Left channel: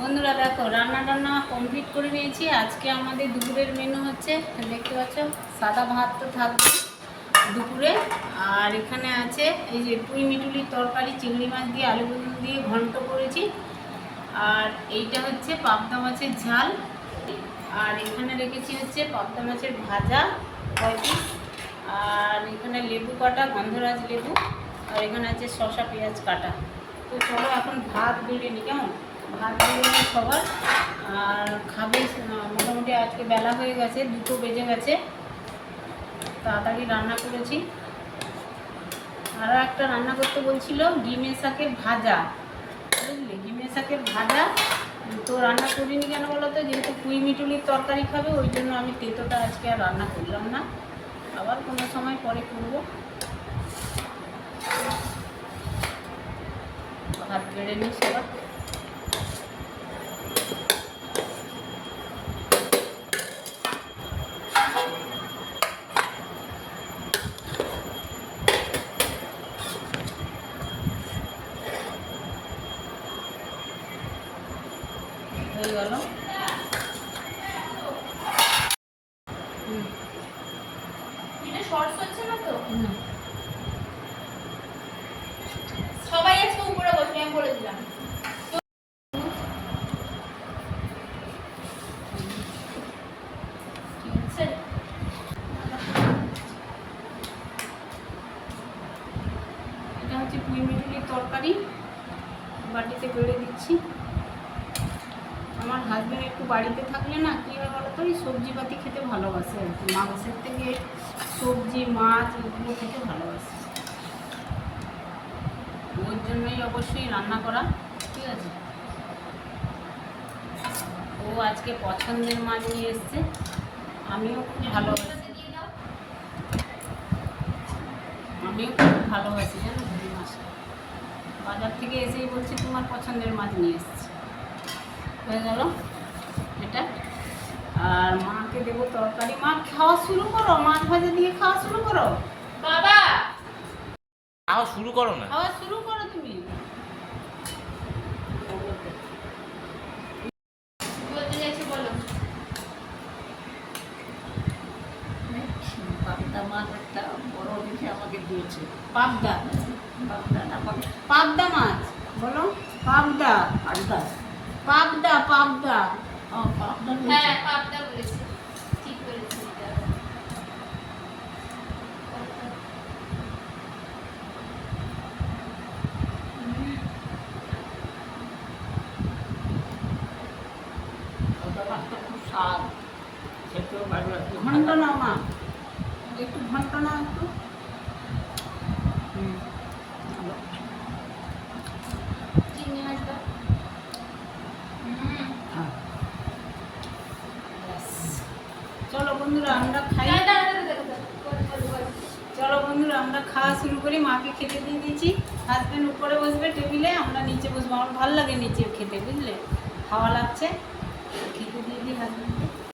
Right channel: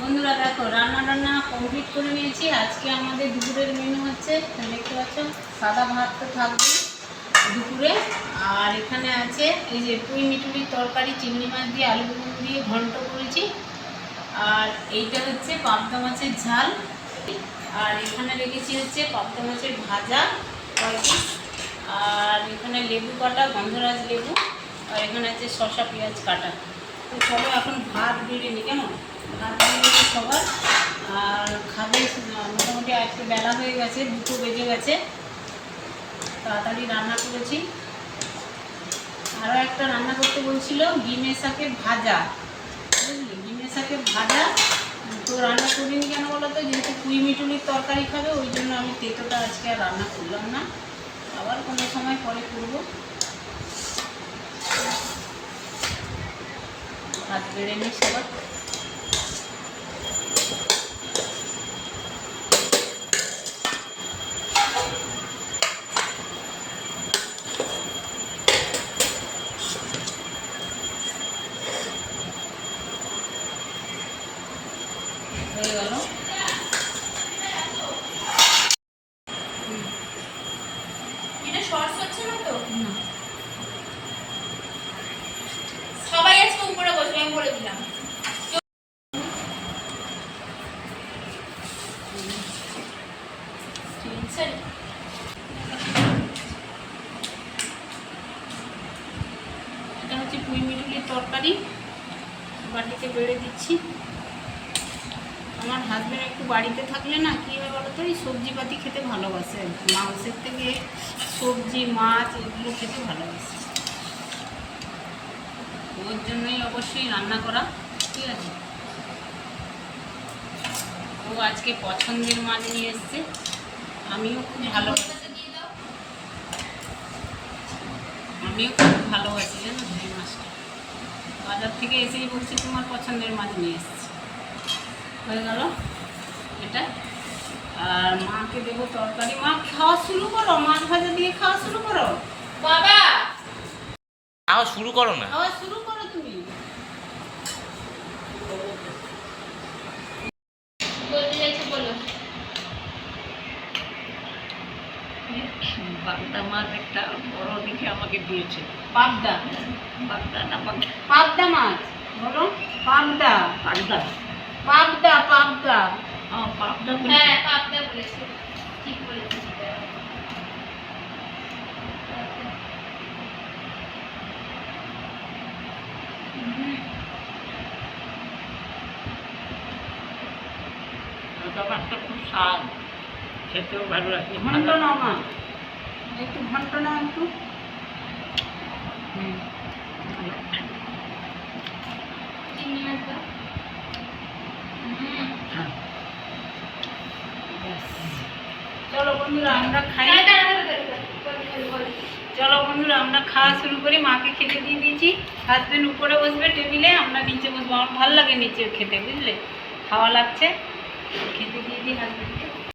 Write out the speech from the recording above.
বন্ধুরা দেখো রান্না টান্না কমপ্লিট করে নিয়েছি। আজকে আমাদের দুপুরের মেনু হচ্ছে, দেখতে পাচ্ছ, সাদা ভাত তো থাকবে দুপুরে। আর এখানে আছে এই যে পুঁই মিটুলির তরকারি, চিংড়ি মাছ দিয়ে আলু দিয়ে ঘন্ট করেছি। আর এইটা হচ্ছে পাবদা মাছের ঝাল। আর এখানে রেখেছি হচ্ছে পাবদা মাছের ভাজা 5 পিস। আর এখানে লেবু কাটা, গন্ধরাজ লেবু। আর এখানে আছে শসা পেঁয়াজ কাটা। তো চলো এখন ভাত বেড়ে নিই, কেমন? ভাত বেড়ে নিই সবার। আর খাবে মোটামুটি আজকে বেলা হয়ে গেছে, 2টো বেজে গেছে। তাড়াতাড়ি রান্না করেছি। আরও একটা রান্না করতে বলছিল ডিমের শাকের ভাজা, বুঝলি, ডিমের শাকের ভাজা। তো রান্না করিনি কেন বলো তো, যেহেতু পুঁই মিটুলির তরকারি খাবে, ওই জন্য আমি তেঁতোটা আজকে আর রান্না করলাম না, আবার কোনো সময় পরে করবো। ভাত বেড়ে নিই সবার। হয়ে গেল। এটা শর্টস হচ্ছে না তো? না, সবাই আজকে উপরে বসবে, আমি বলে দিলাম। এটা হচ্ছে পুঁই মিটুলির তরকারি, বাটিতে বেড়ে দিচ্ছি। আমার হাজব্যান্ড একটু বাড়িতে থাকলে না কী হয় বলো তো, এই সবজিপাতি খেতে ভালোবাসে আর কি। মাংসের থেকে সবজি, মাছ এগুলো খেতে ভালোবাসে। ওর জন্যই অবশ্যই রান্না করা, ঠিক আছে। ও আজকে পছন্দের মাছ নিয়ে এসছে, আমিও খুব ভালোবাসি জানো এই মাছটা। বাজার থেকে এসেই বলছি তোমার পছন্দের মাছ নিয়ে এসছে। হয়ে গেল এটা। আর মাকে দেবো তরকারি। মা খাওয়া শুরু করো, মাছ ভাজা দিয়ে খাওয়া শুরু করো। বাবা খাওয়া শুরু করো না। খাওয়া শুরু করো তুমি। বলতে চাইছো বলো। পাবদা মাছ একটা বড় দেখে আমাকে দিয়েছে। পাবদা, পাবদা না পাবদা মাছ বলো। পাবদা, পাবদা। পাবদা, পাবদা। পাবদা হ্যাঁ, বলেছে। পাবদা বলেছে, ঠিক বলেছে। পাবদা মাছটা খুব স্বাদ, খেতেও ভালো লাগে। ঘন্ট নাও মা, একটু ঘন্ট নাও একটু। চিংড়ি মাছ দাও। হ্যাঁ। চলো বন্ধুরা আমরা খাই। বলো। চলো বন্ধুরা আমরা খাওয়া শুরু করি। মাকে খেতে দিয়ে দিয়েছি, হাজবেন্ড উপরে বসবে টেবিলে, আমরা নিচে বসবো। আমার ভালো লাগে নিচে খেতে, বুঝলে, খাওয়া লাগছে। খেতে দিয়ে দিই হাজবেন্ডকে।